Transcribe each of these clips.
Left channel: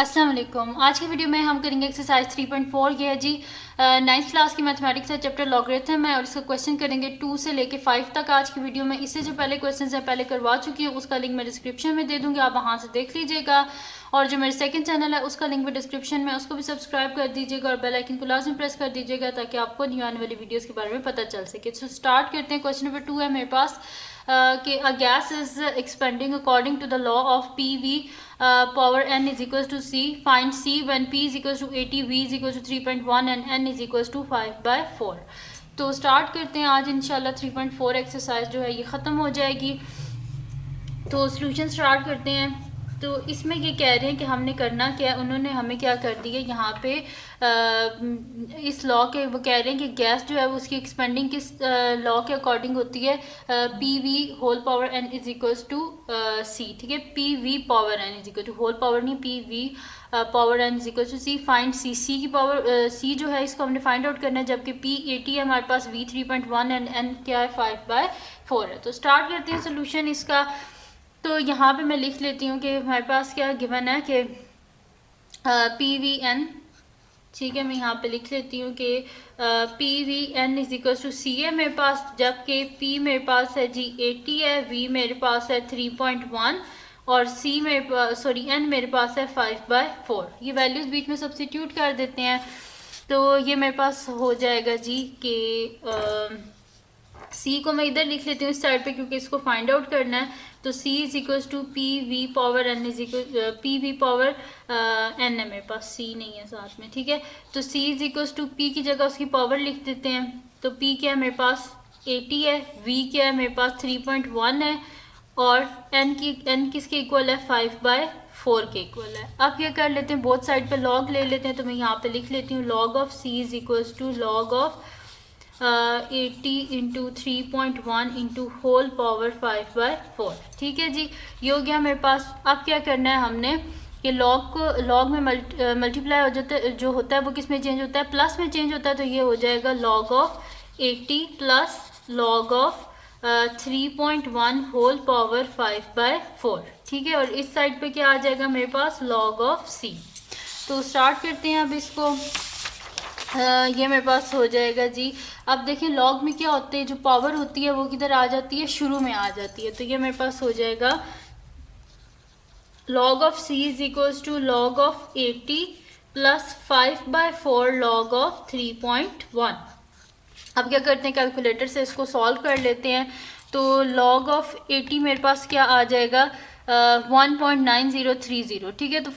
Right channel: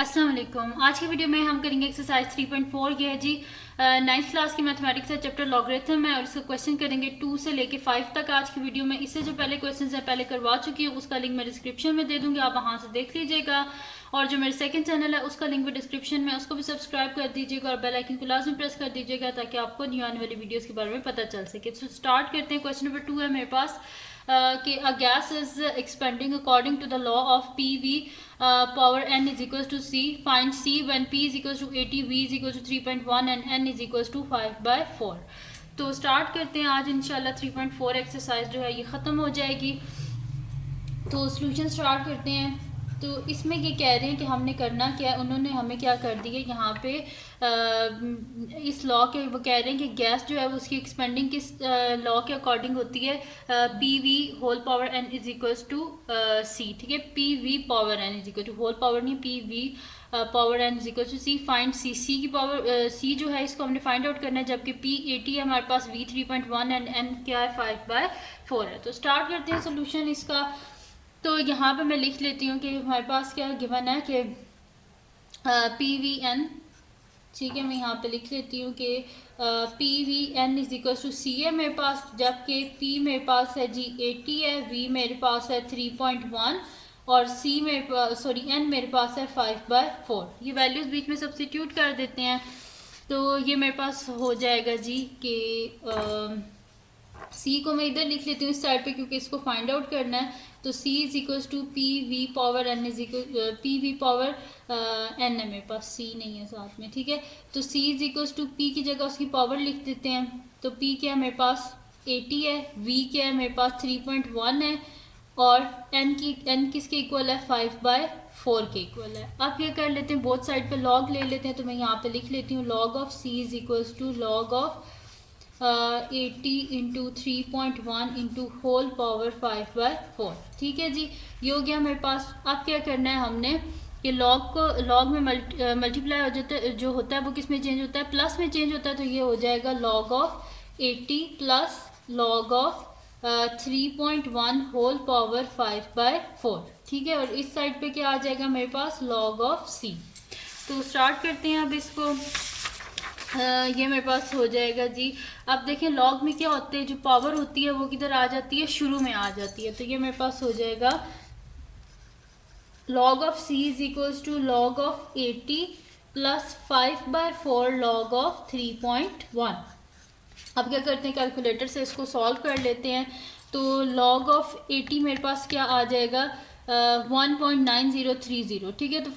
अस्सलाम वालेकुम। आज की वीडियो में हम करेंगे एक्सरसाइज 3.4 की है जी। 9th क्लास की मैथमेटिक्स है, चैप्टर लॉगरिथम है और इसका क्वेश्चन करेंगे 2 से लेके 5 तक आज की वीडियो में। इससे जो पहले क्वेश्चन है पहले करवा चुकी हूँ, उसका लिंक मैं डिस्क्रिप्शन में दे दूँगी, आप वहाँ से देख लीजिएगा। और जो मेरे सेकंड चैनल है उसका लिंक भी डिस्क्रिप्शन में, उसको भी सब्सक्राइब कर दीजिएगा और बेल आइकन को लाजमी प्रेस कर दीजिएगा ताकि आपको न्यू आने वाली वीडियोज़ के बारे में पता चल सके। तो स्टार्ट करते हैं। क्वेश्चन नंबर 2 है मेरे पास कि a gas is expanding according to the law of PV power n is equals to C. Find C when P is equals to 80, V is equals to 3.1 and n is equals to 5/4. तो start करते हैं। आज इंशाल्लाह 3.4 exercise जो है ये ख़त्म हो जाएगी। तो सॉल्यूशन स्टार्ट करते हैं। तो इसमें ये कह रहे हैं कि हमने करना क्या है, उन्होंने हमें क्या कर दिया यहाँ पे इस लॉ के, वो कह रहे हैं कि गैस जो है उसकी एक्सपेंडिंग किस लॉ के अकॉर्डिंग होती है, P V whole power N is equals to C. ठीक है, P V power N is equal to whole power नहीं, P V power N is equal to C. Find C, C की power सी जो है इसको हमने फाइंड आउट करना है, जबकि पी 80 है हमारे पास, वी 3.1 एंड एन क्या है 5/4 है। तो स्टार्ट करते हैं सोल्यूशन इसका। तो यहाँ पे मैं लिख लेती हूँ कि हमारे पास क्या गिवन है कि पी वी एन, ठीक है, मैं यहाँ पे लिख लेती हूँ कि P V N is equal to C है मेरे पास, जबकि पी मेरे पास है जी 80 है, वी मेरे पास है 3.1 और सी मेरे पास एन मेरे पास है 5/4। ये वैल्यूज बीच में सब्स्टिट्यूट कर देते हैं। तो ये मेरे पास हो जाएगा जी कि सी को मैं इधर लिख लेती हूँ इस साइड पे, क्योंकि इसको फाइंड आउट करना है। तो C is equals to P V power N is equal P V power N है मेरे पास, सी नहीं है साथ में। ठीक है, तो C is equals to P की जगह उसकी पावर लिख देते हैं। तो पी क्या है मेरे पास 80 है, वी क्या है मेरे पास 3.1 है और एन किसके इक्वल है 5/4 के इक्वल है। अब क्या कर लेते हैं, बोथ साइड पे लॉग ले लेते हैं। तो मैं यहाँ पे लिख लेती हूँ log of C is equals to log of 80 into 3.1 into whole power 5/4। ठीक है जी, ये हो गया मेरे पास। अब क्या करना है हमने कि लॉग को लॉग में मल्टीप्लाई जो होता है वो किस में चेंज होता है, प्लस में चेंज होता है। तो ये हो जाएगा log of 80 plus log of 3.1 whole power 5/4। ठीक है, और इस साइड पे क्या आ जाएगा मेरे पास लॉग ऑफ सी। तो स्टार्ट करते हैं अब इसको। ये मेरे पास हो जाएगा जी। अब देखें लॉग में क्या होते हैं, जो पावर होती है वो किधर आ जाती है, शुरू में आ जाती है। तो ये मेरे पास हो जाएगा log of C is equals to log of 80 plus 5/4 log of 3.1। अब क्या करते हैं, कैलकुलेटर से इसको सॉल्व कर लेते हैं। तो लॉग ऑफ 80 मेरे पास क्या आ जाएगा 1.9030। ठीक है, तो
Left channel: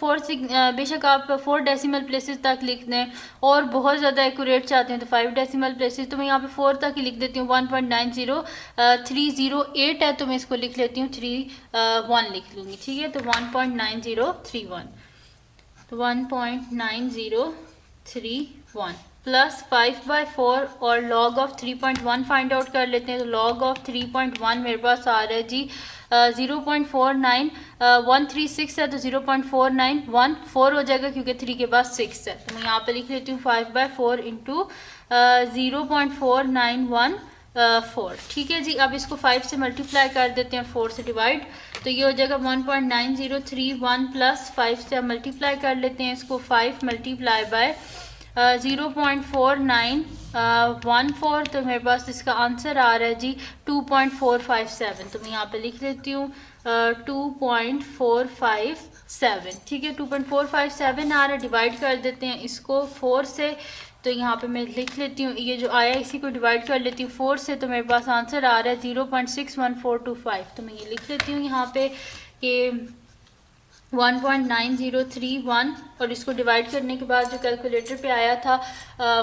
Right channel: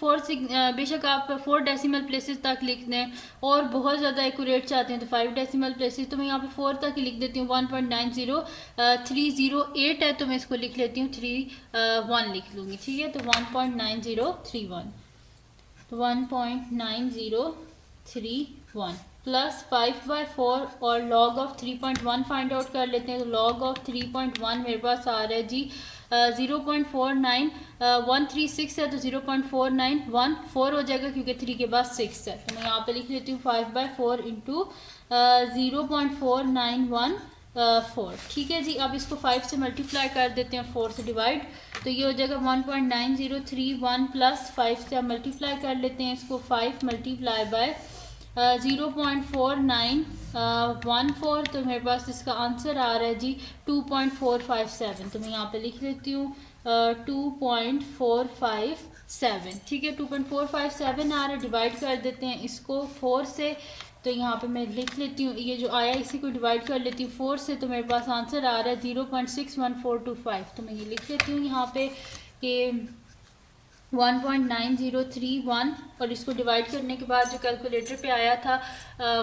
बेशक आप 4 डेसिमल प्लेसेस तक लिख दें और बहुत ज़्यादा एक्यूरेट चाहते हैं तो 5 डेसिमल प्लेसेस। तो मैं यहाँ पे 4 तक ही लिख देती हूँ। 1.90308 है तो मैं इसको लिख लेती हूँ 31 लिख लूँगी। ठीक है, तो 1.9031, तो 1.9031 प्लस 5/4 और लॉग ऑफ 3.1 फाइंड आउट कर लेते हैं। तो लॉग ऑफ 3.1 मेरे पास आ रहा है जी 0.49136 है, तो 0.491 हो जाएगा क्योंकि 3 के बाद 6 है। तो मैं यहाँ पे लिख लेती हूँ 5/4 इंटू 0.4914। ठीक है जी, अब इसको 5 से मल्टीप्लाई कर देते हैं, 4 से डिवाइड। तो ये हो जाएगा 1.9031 प्लस 5 से मल्टीप्लाई कर लेते हैं इसको, 5 मल्टीप्लाई बाय 0.4914। तो मेरे पास इसका आंसर आ रहा है जी 2.457। तो मैं यहाँ पे लिख लेती हूँ 2.457। ठीक है, 2.457 आ रहा है। डिवाइड कर देते हैं इसको 4 से। तो यहाँ पे मैं लिख लेती हूँ, ये जो आया इसी को डिवाइड कर लेती हूँ 4 से। तो मेरे पास आंसर आ रहा है 0.61425। तो मैं ये लिख लेती हूँ यहाँ पे कि 1.9031 और इसको डिवाइड करने के बाद जो कैलकुलेटर पे आया था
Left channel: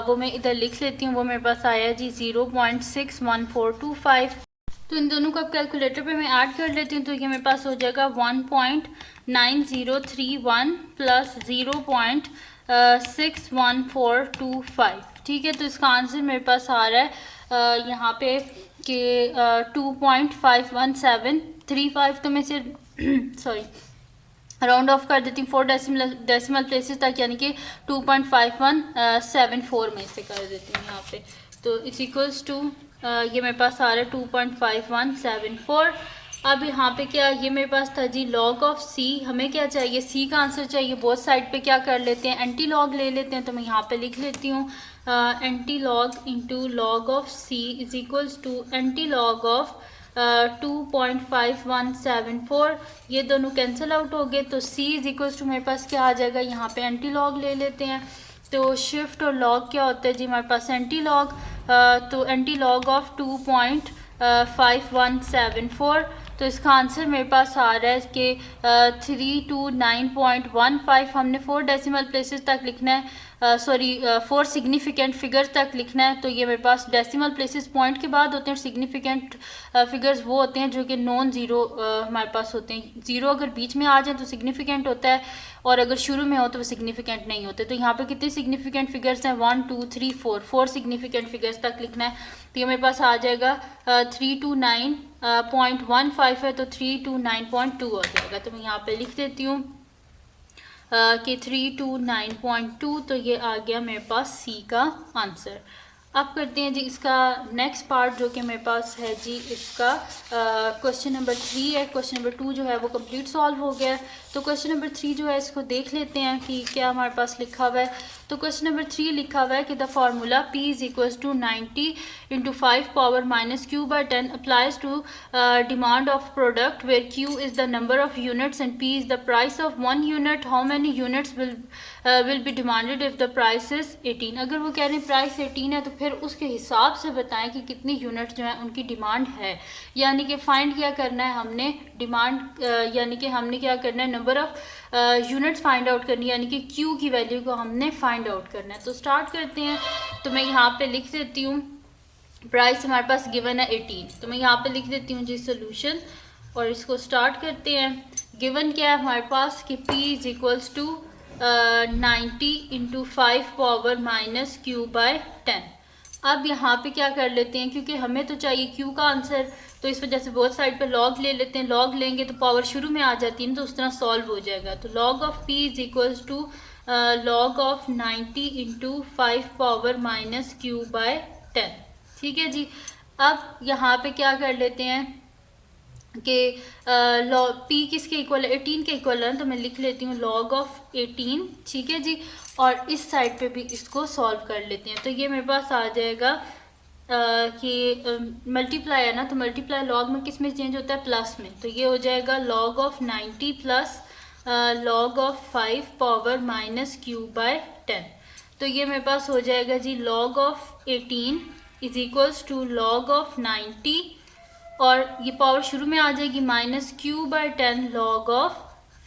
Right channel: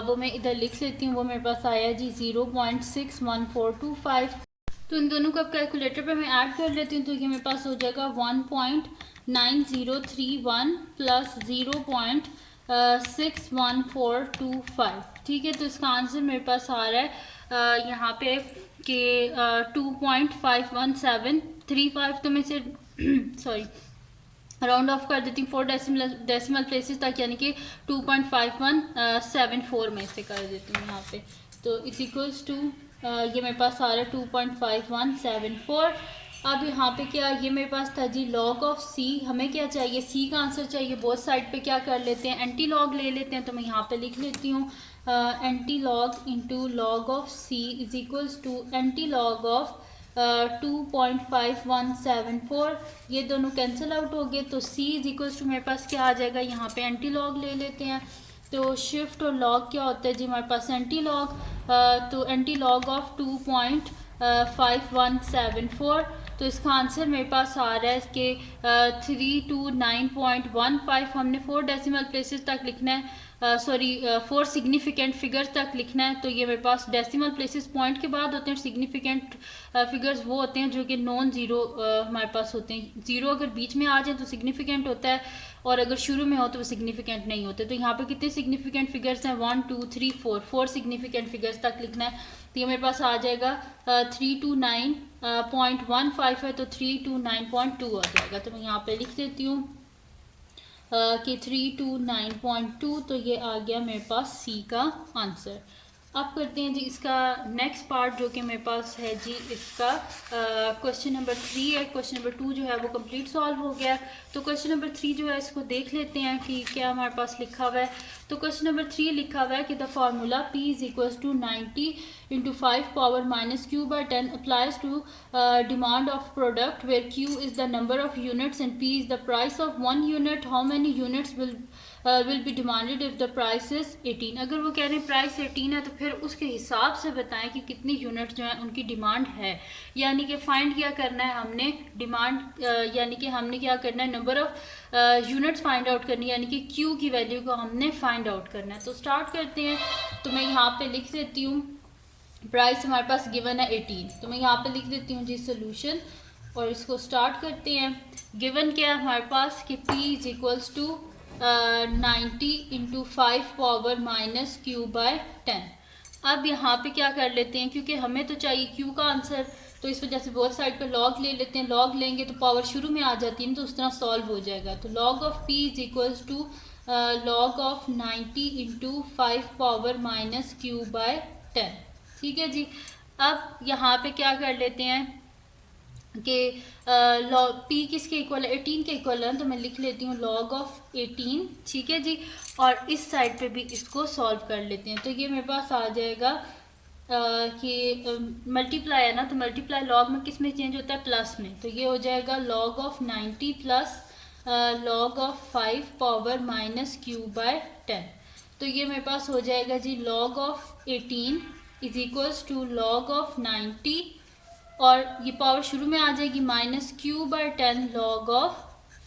वो मैं इधर लिख लेती हूँ। वो मेरे पास आया जी 0.61425। तो इन दोनों को अब कैलकुलेटर पे मैं ऐड कर लेती हूँ। तो ये मेरे पास हो जाएगा 1.9031 प्लस 0.61425। ठीक है, तो इसका आंसर मेरे पास आ रहा है यहाँ पे कि 2.51735। तो मैं सिर्फ सॉरी राउंड ऑफ कर देती हूँ 4 डेसिमल प्लेसेस तक, यानी कि 2.5174 में से कर देती हूँ यहाँ पे। तो इस इक्वल्स टू ये मेरे पास आ रहा है 2.5174 अब यहाँ पे क्या, ये मेरे पास था जी log ऑफ c, हमें क्या चाहिए, c का आंसर चाहिए। बोथ साइड पे क्या कर लेते हैं, एंटी लॉग ले लेते हैं। तो मैं यहाँ पे लिख लेती हूँ antilog into log of c is equals to antilog of 2.5174। ये दोनों कैंसिल आउट हो गए, तो c इज इक्वल्स टू मेरे पास क्या आ जाएगा, यहाँ पे एंटी लॉग ले लेते हैं। तो शिफ्ट और लॉग क्या होता है जी हमारे पास, एंटी लॉग। तो एंटी लॉग ऑफ 2.5174। तो इसका आंसर मेरे पास आ रहा है कि 329.15। हमने 4 डेसिमल प्लेसेस तक लिखना है, सॉरी 4 सिग्निफिकेंट फिगर्स तक लिखना है। तो ये मेरे पास डेसिमल प्लेसेस पॉइंट के बाद होते हैं, सिग्निफिकेंट फिगर्स वो होते हैं जो कि नॉन ज़ीरो हमारे पास होते हैं। ज़ीरो अगर बीच में आ जाए तो सिग्निफिकेंट होता है, और अगर शुरू में हो तो वो सिग्निफिकेंट नहीं होते। तो यहाँ पे कितने सिग्निफिकेंट फिगर्स हैं, 1 2 3 4 सिग्निफिकेंट फिगर्स तक लिखना है। तो ये मेरे पास आ जाएगा 329.15 है, तो 329.2 हो जाएगा। तो मैं यहाँ पे लिख देती हूँ कि 329.2। तो ये आ गया मेरे पास सी का आंसर। अब करते हैं जी इसका नेक्स्ट पार्ट, जो कि मेरे पास है जी इसका क्वेश्चन नंबर 3 है। क्वेश्चन नंबर 2 जो है वो कंप्लीट सॉल्व हो गया है। तो क्वेश्चन नंबर 3 जो है इसको देख लेते हैं कि क्या हमारे पास लिखा हुआ है। तो क्वेश्चन नंबर 3 लिखा हुआ है कि the formula p is equals to 90 into 5 power minus q by 10 applies to demand of product where q is the number of units and p is the price of 1 unit. How many units will be demanded if the price is 18। अगर वो कह रहे हैं price 18 है तो फिर उसके हिसाब से बताएं कि कितनी यूनिट्स जो है उनकी डिमांड है। यानी कि फाइंड क्या करना है हमने, डिमांड यानी कि हमने क्या करना है, number of units find out करनी है, यानी कि Q की वैल्यू को हमने फाइंड आउट करना है। तो स्टार्ट करते हैं। तो मैं यहाँ पे लिख देती हूँ, प्राइस हमारे पास गिवन है 18। तो मैं यहाँ पे लिख देती हूँ जी सोल्यूशन, और इसको स्टार्ट करते हैं। गिवन क्या है हमारे पास कि P is equals to 90 into 5 power minus Q by 10। अब यहाँ पे क्या कर लेते हैं, क्योंकि हमें तो चाहिए Q का आंसर, तो इस वजह से बहुत साइड पे लॉग ले लेते हैं। लॉग लेंगे तो पावर शुरू में आ जाती है ना, तो उस तरह सॉल्व हो जाएगा। तो log of p is equals to log of 90 into 5 power minus Q by 10। ठीक है जी। अब यहाँ पे क्या कर लेते हैं कि p किसके इक्वल है, 18 के इक्वल है, तो मैं लिख लेती हूँ लॉग ऑफ 18। ठीक है जी। और इस साइड पे भी इसको सॉल्व कर लेते हैं। तो ये मेरे पास आ जाएगा कि मल्टीप्लाई है ना, तो मल्टीप्लाई लॉग में किस में चेंज होता है, प्लस में। तो ये हो जाएगा log of 90 plus log of 5 power minus Q by 10। तो ये मेरे पास हो जाएगा जी log of 18 is equals to log of 90, और ये पावर शुरू में आ जाएगी minus Q by 10 log of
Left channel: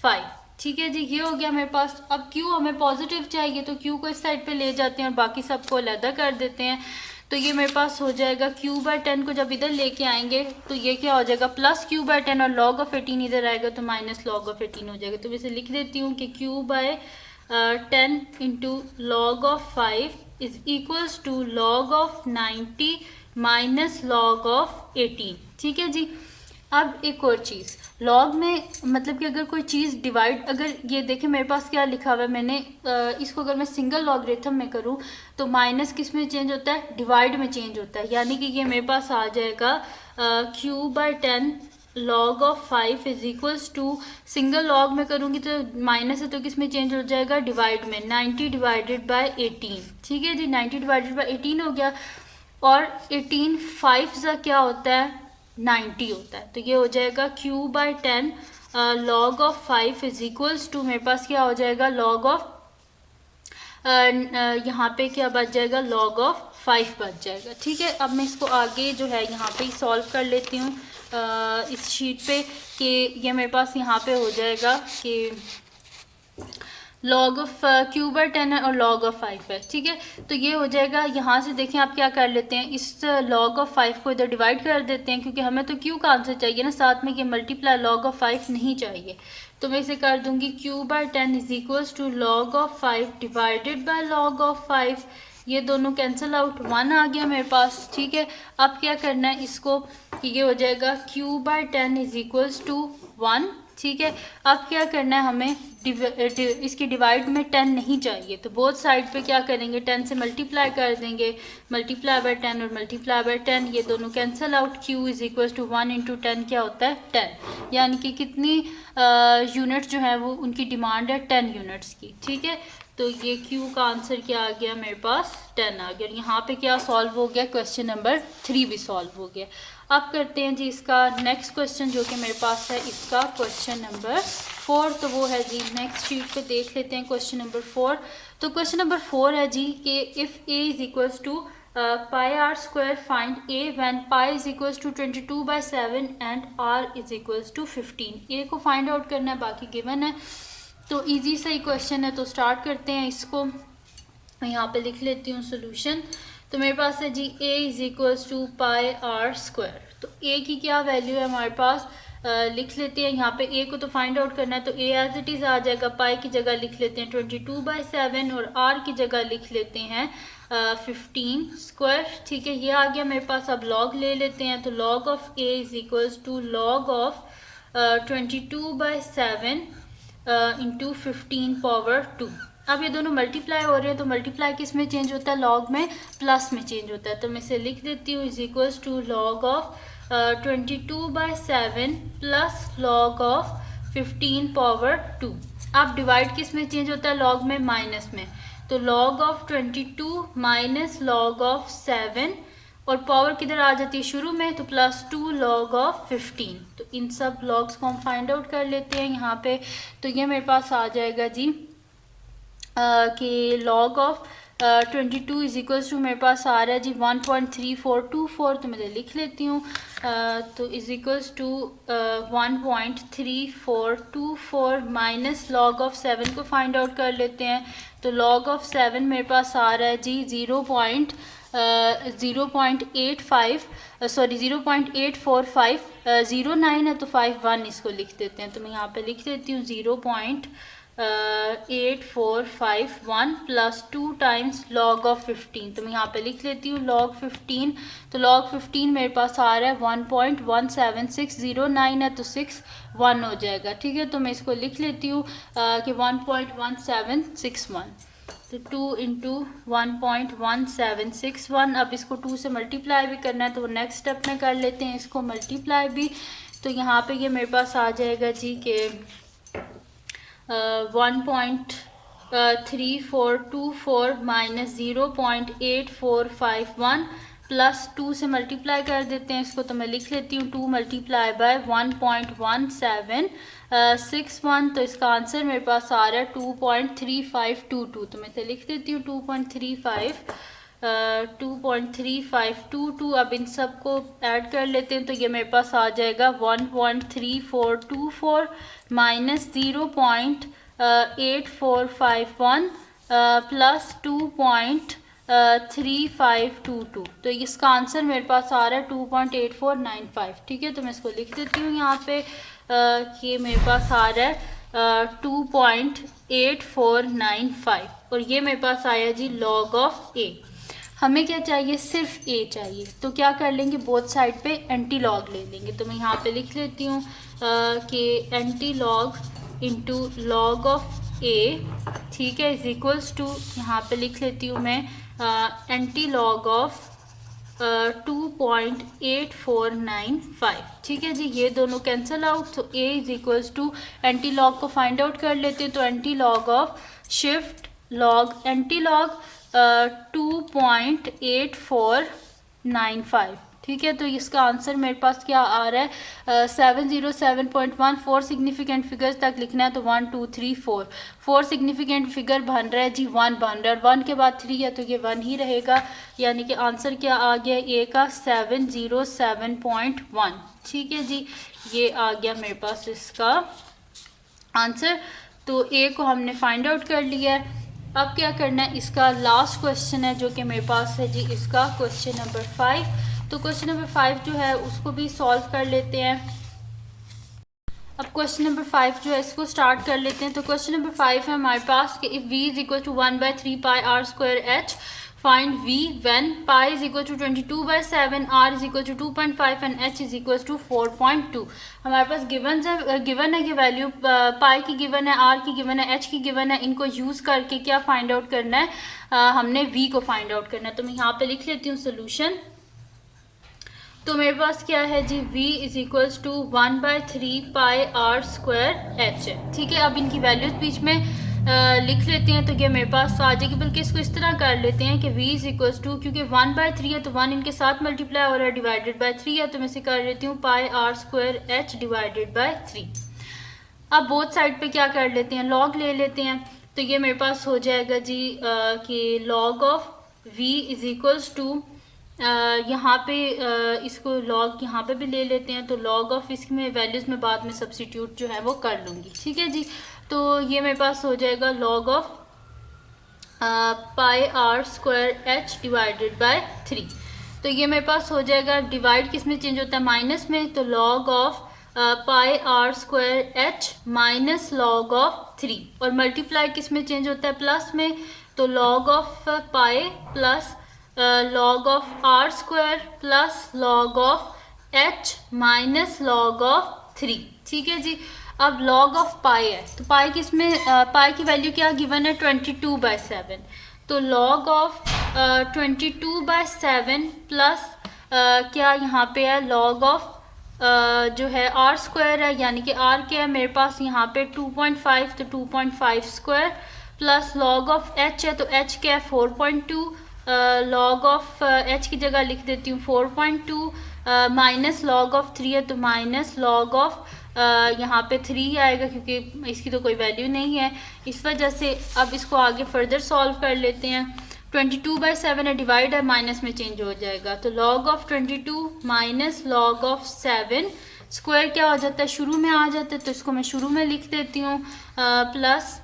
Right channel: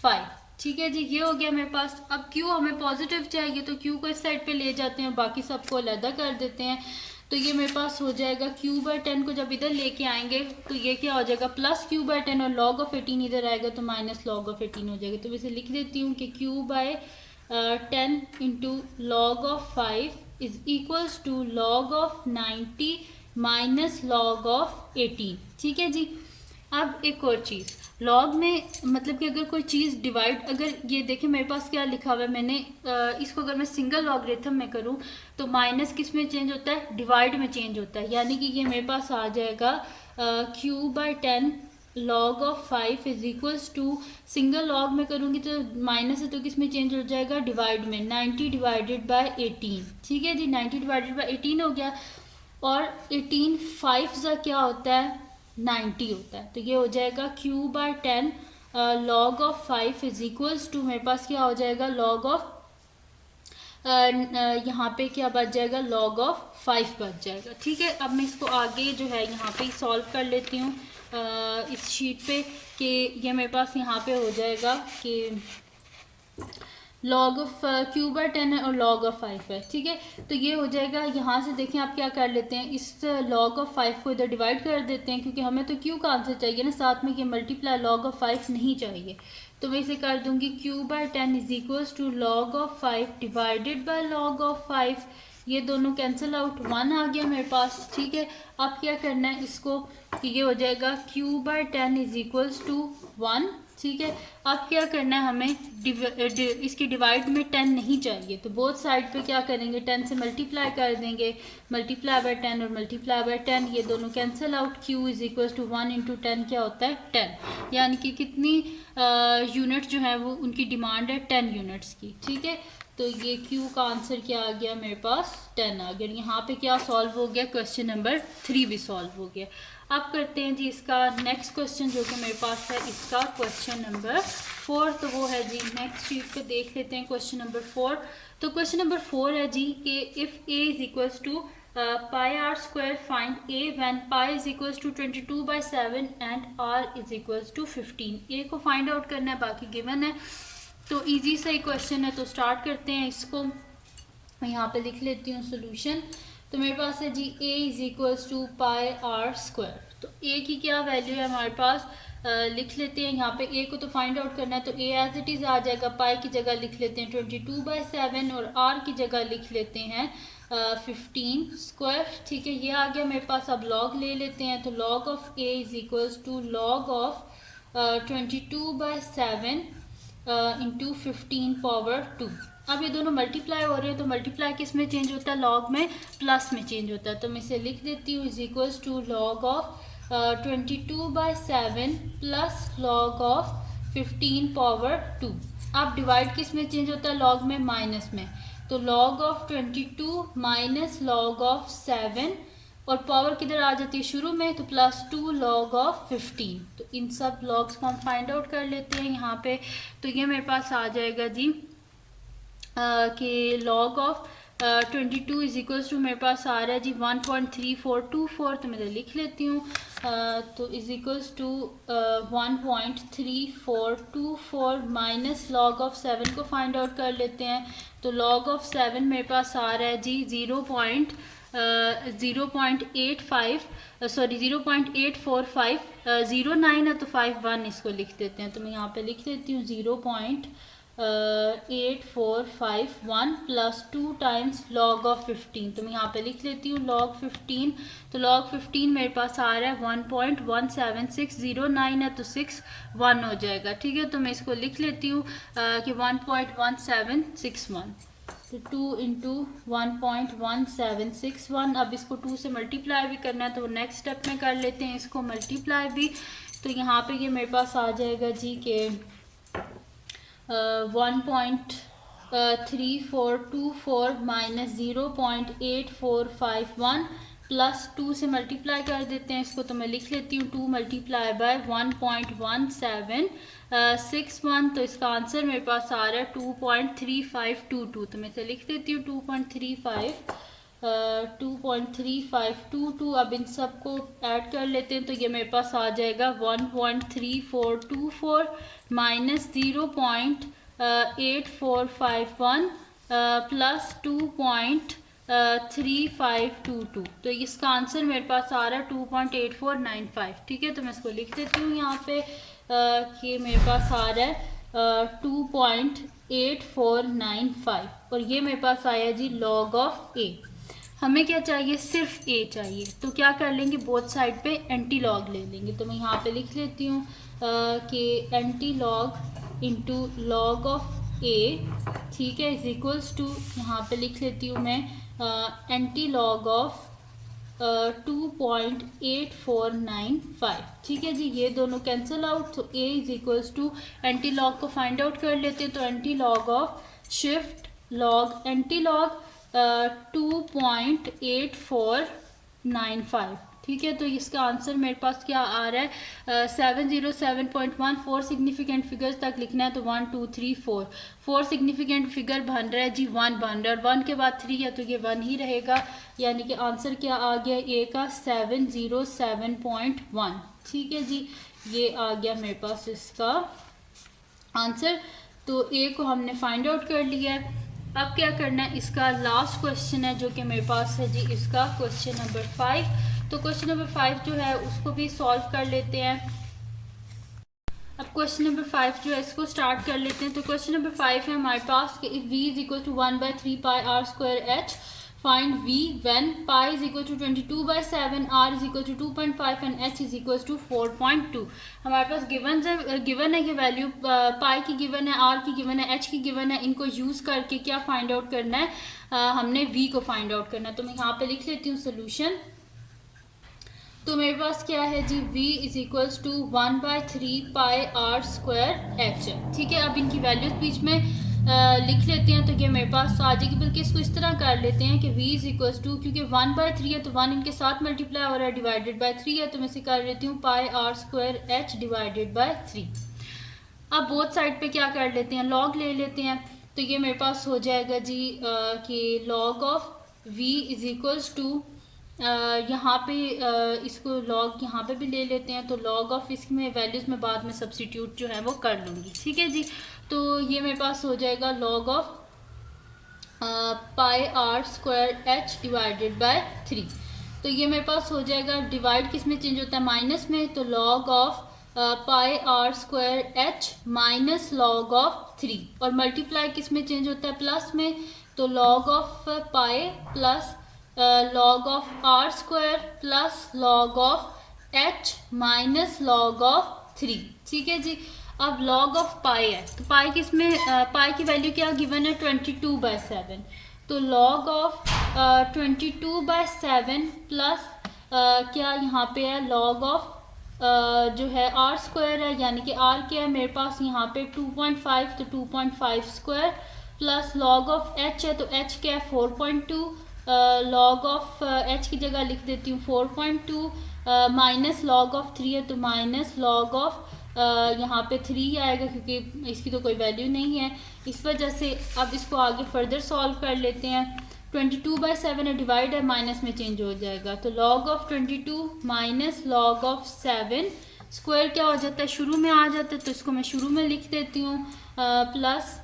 5। ठीक है जी, ये हो गया मेरे पास। अब Q हमें पॉजिटिव चाहिए, तो Q को इस साइड पे ले जाते हैं और बाकी सबको अलग कर देते हैं। तो ये मेरे पास हो जाएगा Q बाय 10 को जब इधर लेके आएंगे तो ये क्या हो जाएगा, प्लस Q बाय 10, और लॉग ऑफ 18 इधर आएगा तो माइनस लॉग ऑफ 18 हो जाएगा। तो मैं इसे लिख देती हूँ कि Q by 10 into log of 5 is equals to log of 90 minus log of 18। ठीक है जी। अब एक और चीज़, लॉग में मतलब कि अगर कोई चीज़ डिवाइड, अगर ये देखें मेरे पास क्या लिखा हुआ है, मैंने इसको अगर मैं सिंगल लॉगरिथम में करूँ तो माइनस किस में चेंज होता है, डिवाइड में चेंज होता है। यानी कि ये मेरे पास आ जाएगा Q by 10 log of 5 is equals to, single log में करूँगी तो माइनस है तो किस में चेंज हो जाएगा, डिवाइड में, 90 डिवाइडेड बाय 18। ठीक है जी, 90 डिवाइडेड बाय 18 हो गया। और 18 5 सा क्या होता है, 90 होता है। तो ये हो जाएगा Q by 10 log of 5 is equals to, मेरे पास क्या हो जाएगा, लॉग ऑफ यहाँ पे क्या बच जाएगा, लॉग ऑफ 5 बच जाएगा। ठीक है। अब मैं इसको आगे जो है यहाँ पे सॉल्व कर लेती हूँ इस शीट पे, कि ये मेरे पास यहाँ पे हो जाएगा कि लॉग ऑफ Q बाय 10 है और लॉग ऑफ 5 है। ठीक है। तो ये हो जाएगा, यहाँ से देखें आप क्या कर लेते हैं, इस लॉग ऑफ 5 को इधर डिवाइड कर देते हैं, क्योंकि हमें तो Q का आंसर चाहिए ना, साथ में ये मल्टीप्लाई लॉग ऑफ 5 नहीं चाहिए। तो मैं इसे कर दूंगी Q by 10 is equals to log of 5 divided by log of 5। ये दोनों कैंसिल आउट, 1 आ गया मेरे पास। ठीक है। अब क्या करना है इसको, ये हो जाएगा Q by 10 is equals to 1 ठीक है। अब क्या करना है हमें, इसकी डिवाइड में 10 नहीं चाहिए, तो बोथ साइड पे क्या करेंगे, 10 से मल्टीप्लाई कर देंगे, मल्टीप्लाई बाय 10 और मल्टीप्लाई बाय 10, ये दोनों cancel out. q is equal to 1 into 10 क्या होता है 10, यानी कि कितनी यूनिट जो है वो उनकी डिमांड है 10 यूनिट्स की, ठीक है। तो ये q का आंसर क्या आ गया मेरे पास 10 आ गया। यहाँ पे क्या सॉल्व हो गया, क्वेश्चन नंबर 3 भी सॉल्व हो गया। अब करते हैं जी इसका नेक्स्ट क्वेश्चन जो कि मेरे पास है, इसका क्वेश्चन नंबर 4, तो वो है जी नेक्स्ट शीट पे देख लेते हैं क्वेश्चन नंबर 4। तो क्वेश्चन नंबर 4 है जी कि if a is equals to pi R square find a when pi is equals to 22/7 and r is equals to 15। a को फाइंड आउट करना है, बाकी गिवन है, तो इजी सा ही क्वेश्चन है। तो स्टार्ट करते हैं इसको, मैं यहाँ पे लिख लेती हूँ सोल्यूशन। तो मेरे पास है जी a is equals to pi R square. तो a की क्या वैल्यू है हमारे पास, लिख लेते हैं। यहाँ पे a को तो फाइंड आउट करना है, तो a एज इट इज़ आ जाएगा, पाई की जगह लिख लेते हैं 22/7 और r की जगह लिख लेते हैं 15 स्क्वायर, ठीक है। ये आ गया मेरे पास। अब लॉग ले लेते हैं, तो log of a is equals to log of 22/7 into 15 power 2। अब ये दोनों मल्टीप्लाई हो रहे हैं, तो मल्टीप्लाई किस में चेंज होता है, लॉग में, प्लस में चेंज होता है। तो मैं इसे लिख देती हूँ is equals to log of 22/7 plus log of 15 power 2। अब डिवाइड किस में चेंज होता है, लॉग में, माइनस में। तो log of 22 minus log of 7, और पावर किधर आ जाती है शुरू में, तो +2 log ऑफ 15। तो इन सब लॉग्स को हम फाइंड आउट कर लेते हैं यहाँ पे। तो ये मेरे पास आ जाएगा जी कि log of 22 is equals to मेरे पास आ रहा है जी 1.3424, तो मैं लिख लेती हूँ। तो is equals to 1.3424 minus log of 7 को फाइंड आउट कर लेते हैं। तो log ऑफ 7 मेरे पास आ रहा है जी 0.84509 है, तो 51 इसको लिख देते हैं। तो मैं यहाँ पे लिख देती हूँ 0.8451 प्लस 2 टाइम्स लॉग ऑफ 15। तो मैं यहाँ पे लिख लेती हूँ log 15। तो log 15 मेरे पास आ रहा है 1.17609 है, तो 61 हो जाएगा, ठीक है। तो मैं इसको लिख लेती हूँ कि 1.1761, तो 2 इंटू 1.1761। अब इसको 2 से मल्टीप्लाई भी करना है, तो नेक्स्ट स्टेप में कर लेते हैं इसको मल्टीप्लाई भी। तो यहाँ पे ये मेरे पास आ जाएगा जी कि 1.3424 माइनस 0.8451 प्लस 2 से मल्टीप्लाई कर देते हैं इसको। तो मैं लिख लेती हूँ 2 मल्टीप्लाई बाय 1.1761, तो इसका आंसर मेरे पास आ रहा है 2.3522। तो मैं इसे लिख देती हूँ 2.3522। अब इन सब को ऐड कर लेते हैं, तो ये मेरे पास आ जाएगा 1.3424 माइनस 0.8451 प्लस 2.3522। तो इसका आंसर मेरे पास आ रहा है 2.8495, ठीक है। तो मैं इसको लिख देती हूँ यहाँ पे कि मेरे पास आ रहा है 2.8495, और ये मेरे पास आया जी log ऑफ a। हमें क्या चाहिए, सिर्फ a चाहिए, तो क्या कर लेंगे, बोथ साइड पे एंटी लॉग ले लेंगे। तो मैं यहाँ पे लिख लेती हूँ कि anti log into log of a, ठीक है, इज इक्वल्स टू, यहाँ पे लिख लेती हूँ मैं एंटी लॉग ऑफ 2.8495, ठीक है जी। ये दोनों कैंसिल आउट, तो a is equals to, antilog को फाइंड आउट कर लेते हैं। तो antilog of shift log antilog 2.8495, ठीक है। तो इसका आंसर मेरे पास क्या आ रहा है 707.1। 4 सिग्निफिकेंट फिगर्स तक लिखना है, तो 1 2 3 4 4 सिग्निफिकेंट फिगर बन रहा है जी 1 बन रहा है, 1 के बाद 3 है, तो ये 1 ही रहेगा, यानी कि आंसर क्या आ गया ए का 707.1, ठीक है जी। ये आ गया मेरे पास इसका आंसर। तो ए को हमने फाइंड आउट कर लिया है। अब क्या करना है, इसका लास्ट क्वेश्चन है जो कि मेरे पास है जी, इसका क्वेश्चन नंबर 5। तो क्वेश्चन नंबर 5 जो है उसको भी सॉल्व कर लेते हैं। अब क्वेश्चन नंबर 5 जो है इसको स्टार्ट कर लेते हैं। तो क्वेश्चन नंबर 5 है हमारे पास कि if v is equal to 1/3 pi r square h find v when pi is equal to 22/7, r is equal to 2.5 and h is equal to 4.2। हमारे पास गिवन है कि वैल्यू पाई की गिवन है, r की गिवन है, h की given है। इनको यूज़ करके क्या फाइंड आउट करना है, हमने v को फाइंड आउट करना है। तो मैं यहाँ पे लिख लेती हूँ सोल्यूशन। तो मेरे पास क्या है जी, v is equals to 1/3 pi r square h है। ठीक है, अब इनकी वैल्यूज बीच में लिख लेते हैं तो क्या मेरे पास आ जाएगी। बल्कि इसको इस तरह कर लेते हैं कि v इज इक्वल्स टू, क्योंकि 1/3 है तो 1 इनके साथ मल्टीप्लाई हो रहा है, डिवाइडेड बाय 3 है तो मैं इसे कर लेती हूँ पाई r square h divided by 3। अब बोथ साइड पे क्या कर लेते हैं, लॉग ले लेते हैं। तो ये मेरे पास हो जाएगा जी कि log of v is equals to, यहाँ पे इसको लॉग यहाँ पे भी ले लेते हैं। तो लॉग ऑफ इसमें वैल्यूज़ में बाद में सब्स्टिट्यूट जो है वो कर लूँगी। ठीक है जी, तो ये मेरे पास हो जाएगा log of pi r square h divided by 3। तो ये मेरे पास हो जाएगा, डिवाइड किस में चेंज होता है, माइनस में। तो log of pi r square h minus log of 3, और मल्टीप्लाई किस में चेंज होता है, प्लस में। तो log of pi plus log of r square plus log of h minus log of 3। ठीक है जी, अब लॉग ऑफ पाई है तो पाई किस में, पाई की वैल्यू क्या गिवन है, 22/7। तो लॉग ऑफ 22/7 प्लस क्या यहाँ पे है, लॉग ऑफ जो है r स्क्वायर है, यानी कि r क्या है मेरे पास यहाँ पे 2.5, तो 2.5 square plus log of h है तो h क्या है 4.2, लॉग ऑफ h की जगह लिख देती हूँ 4.2, माइनस लॉग ऑफ 3 है तो माइनस लॉग ऑफ यहाँ पे 3 आएगा, क्योंकि इसकी तो कोई वैल्यू नहीं है। इस वजह से अब इसको आगे फर्दर सॉल्व कर लेते हैं। 22/7 है, डिवाइड है, माइनस में चेंज हो जाएगा। तो log of 22 minus log of 7 square क्या हो जाता है, शुरू में आ जाता है, तो इसको मैं शुरू में लिख देती हूँ, plus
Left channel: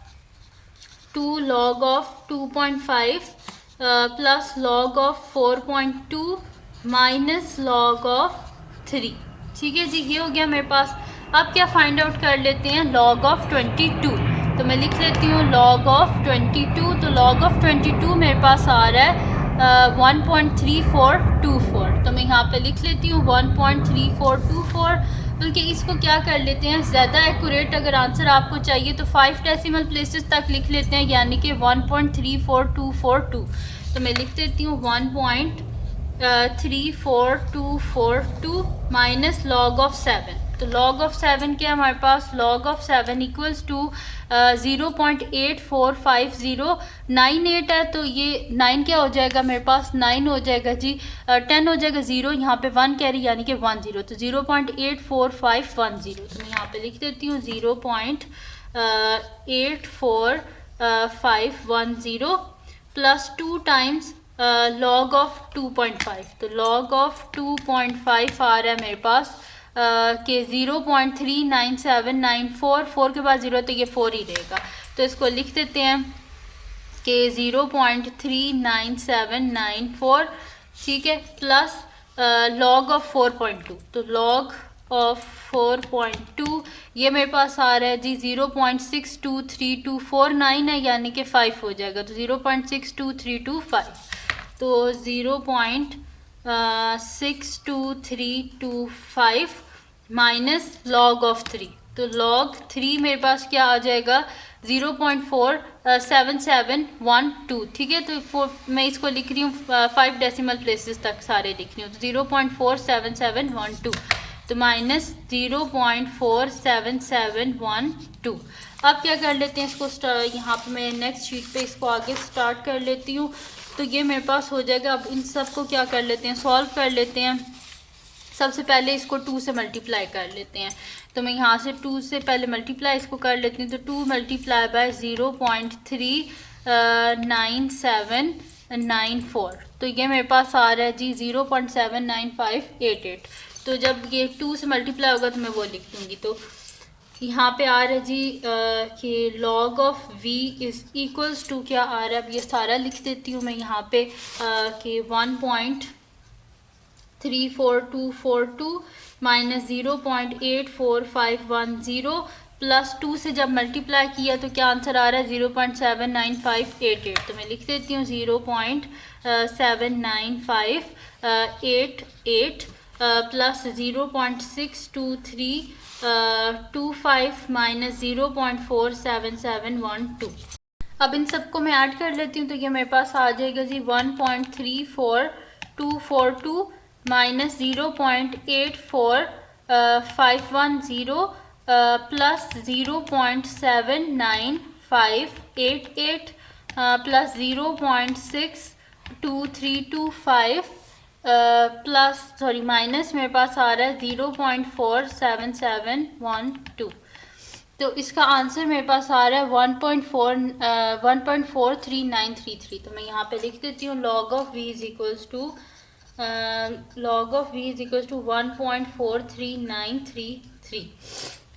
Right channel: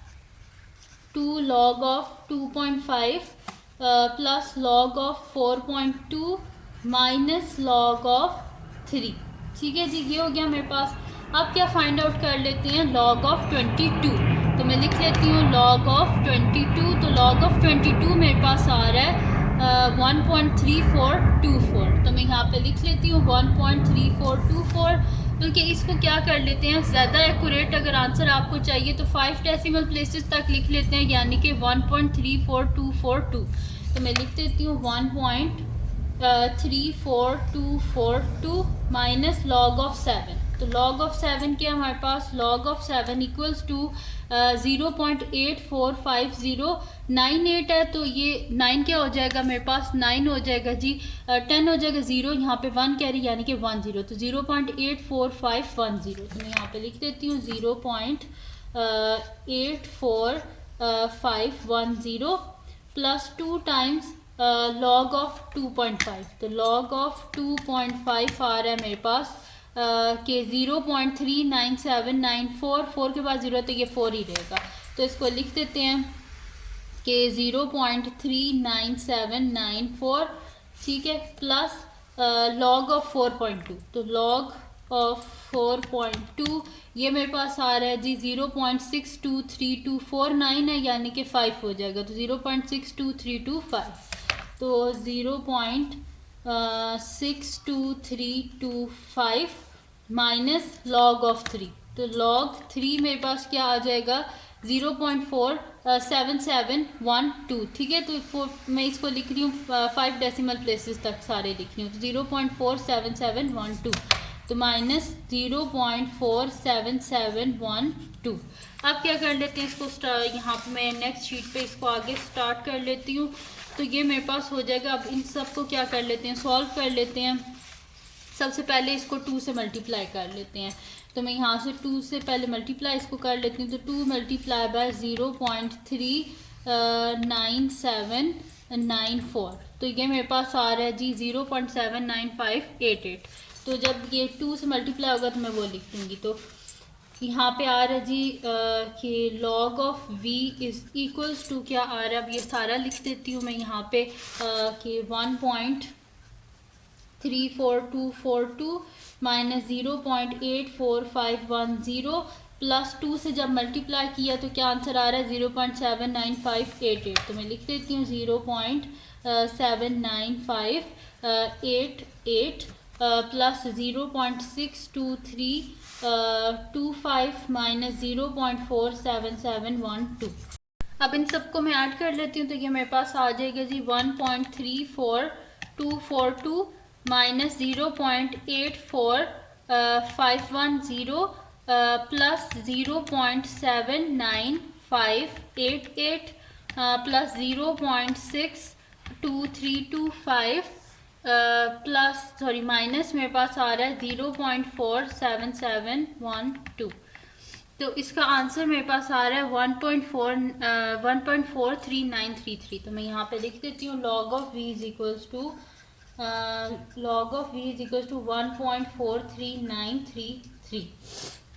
2 log of 2.5 plus log of 4.2 minus log of 3। ठीक है जी, ये हो गया मेरे पास। अब क्या फाइंड आउट कर लेते हैं, लॉग ऑफ 22। तो मैं लिख लेती हूँ लॉग ऑफ 22। तो लॉग ऑफ 22 मेरे पास आ रहा है 1.3424। तो मैं यहाँ पे लिख लेती हूँ 1.3424। बल्कि इसको क्या कर लेते हैं, ज़्यादा एक्यूरेट अगर आंसर आपको चाहिए तो 5 डेसिमल प्लेसेस तक लिख लेते हैं, यानी कि 1.34242। तो मैं लिख देती हूँ 1.34242 माइनस लॉग ऑफ 7। तो लॉग ऑफ 7 क्या है हमारे पास, लॉग ऑफ 7 इक्वल्स टू 0.8450। 98 है तो ये 9 क्या हो जाएगा मेरे पास, 9 हो जाएगा जी, 10 हो जाएगा, 0 यहाँ पे 1 कैरी यानी कि 10। तो 0.84510। तो मैं यहाँ पे लिख देती हूँ 0.84510 प्लस 2 टाइम्स लॉग ऑफ 2.5। तो लॉग ऑफ 2.5 आ रहा है मेरे पास के 0.39794। 4 के बाद 0 तो ये 4 ही रहेगा, तो इसको लिख देते हैं कि 0.39794। ठीक है, प्लस लॉग ऑफ 4.2। तो लॉग ऑफ 4.2 ये मेरे पास आ रहा है जी 0.623249 है, यानी कि 5 हो जाएगा। तो 0.62325, तो 0.62325 माइनस लॉग ऑफ 3। तो लॉग 3 मेरे पास क्या आ जाएगा, 0.47712। ठीक है, तो मैं इसको लिख रही हूँ 5 डेसिमल प्लेसेस तक सारे लिख रही हूँ। तो 0.47712 तो माइनस 0.47712। अब क्या कर लेते हैं, इसको यहाँ पे मैं नेक्स्ट शीट पे इसको आगे स्टार्ट कर लेती हूँ। तो ये मेरे पास हो जाएगा। अब इन सब को क्या कर लेते हैं, सॉल्व कर लेते हैं। सबसे पहले इसको 2 से मल्टीप्लाई कर लेते हैं। तो मैं यहाँ से 2 से पहले मल्टीप्लाई इसको कर लेती हूँ। तो 2 मल्टीप्लाई बाय 0.39794। तो ये मेरे पास आ रहा है जी 0.79588। तो जब ये 2 से मल्टीप्लाई होगा तो मैं वो लिख दूँगी। तो यहाँ पे आ रहा है जी कि log of v is equals to क्या आ रहा है, अब ये सारा लिख देती हूँ मैं यहाँ पे कि 1.34242 माइनस 0.84510 प्लस 2 से जब मल्टीप्लाई किया तो क्या आंसर आ रहा है 0.79588। तो मैं लिख देती हूँ 0.79588 प्लस 0.62325 माइनस 0.47712। अब इन सबको मैं ऐड कर लेती हूँ तो ये मेरे पास आ जाएगा जी 1.34242 minus 0.84510 plus 0.79588 plus 0.62325 plus sorry minus मेरे पास आ रहा है 0.47712। तो इसका आंसर मेरे पास आ रहा है 1.43933। तो मैं यहाँ पे लिख देती हूँ log of v is equals to 1.43933।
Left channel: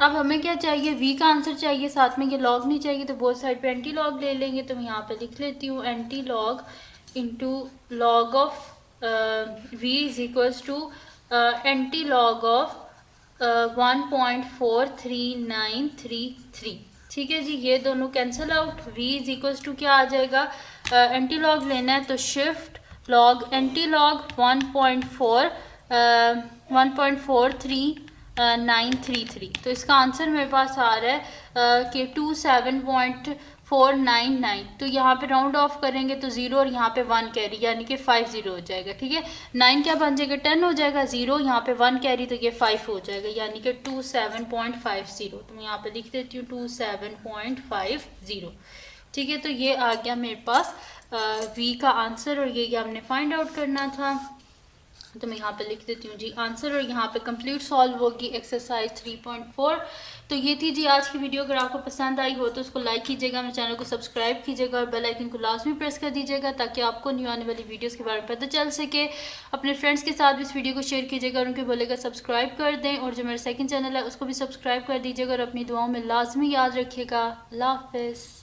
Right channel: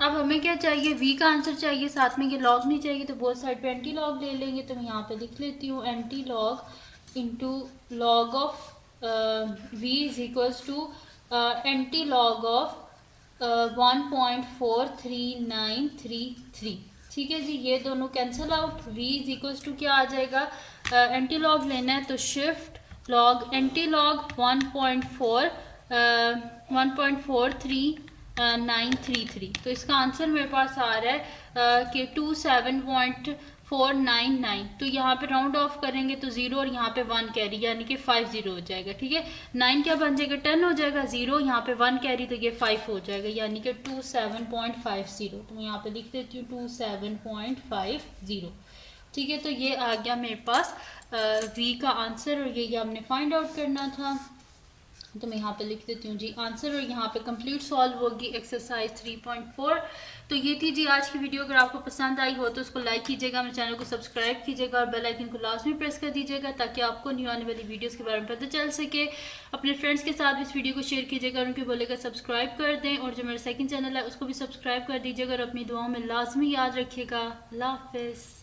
अब हमें क्या चाहिए, v का आंसर चाहिए, साथ में ये log नहीं चाहिए, तो बोथ साइड पे एंटी लॉग ले लेंगे। तो मैं यहाँ पे लिख लेती हूँ antilog into log of v is equals to antilog of 1.43933। ठीक है जी, ये दोनों cancel out. v is equals to क्या आ जाएगा, एंटी लॉग लेना है तो शिफ्ट लॉग एंटी लॉग 1.43933। तो इसका आंसर मेरे पास आ रहा है कि 27.499। तो यहाँ पे राउंड ऑफ करेंगे तो 0 और यहाँ पे 1 कैरी यानी कि 50 हो जाएगा। ठीक है, 9 क्या बन जाएगा 10 हो जाएगा, 0 यहाँ पे 1 कैरी तो ये 5 हो जाएगा यानी कि 27.50। तो मैं यहाँ पे लिख देती हूँ 27.50। ठीक है, तो ये आ गया मेरे पास v का आंसर और ये हमने फाइंड आउट करना था। तो मैं यहाँ पे लिख देती हूँ जी आंसर और यहाँ पे कंप्लीट सॉल्व होगी एक्सरसाइज 3.4। तो ये थी जी आज की वीडियो। अगर आपको पसंद आई हो तो उसको लाइक कीजिएगा, मेरे चैनल को सब्सक्राइब कीजिएगा और बेल आइकन को लाजमी प्रेस कर दीजिएगा ताकि आपको न्यू आने वाली वीडियोस के बारे में पता चल सके। अपने फ्रेंड्स के साथ भी इस वीडियो को शेयर कीजिएगा और उनको बोलेगा सब्सक्राइब कर दें, और जो मेरा सेकंड चैनल है उसको भी सब्सक्राइब कर दीजिएगा और अपनी दुआओं में लाजमी याद रखिएगा। अल्लाह हाफिज़।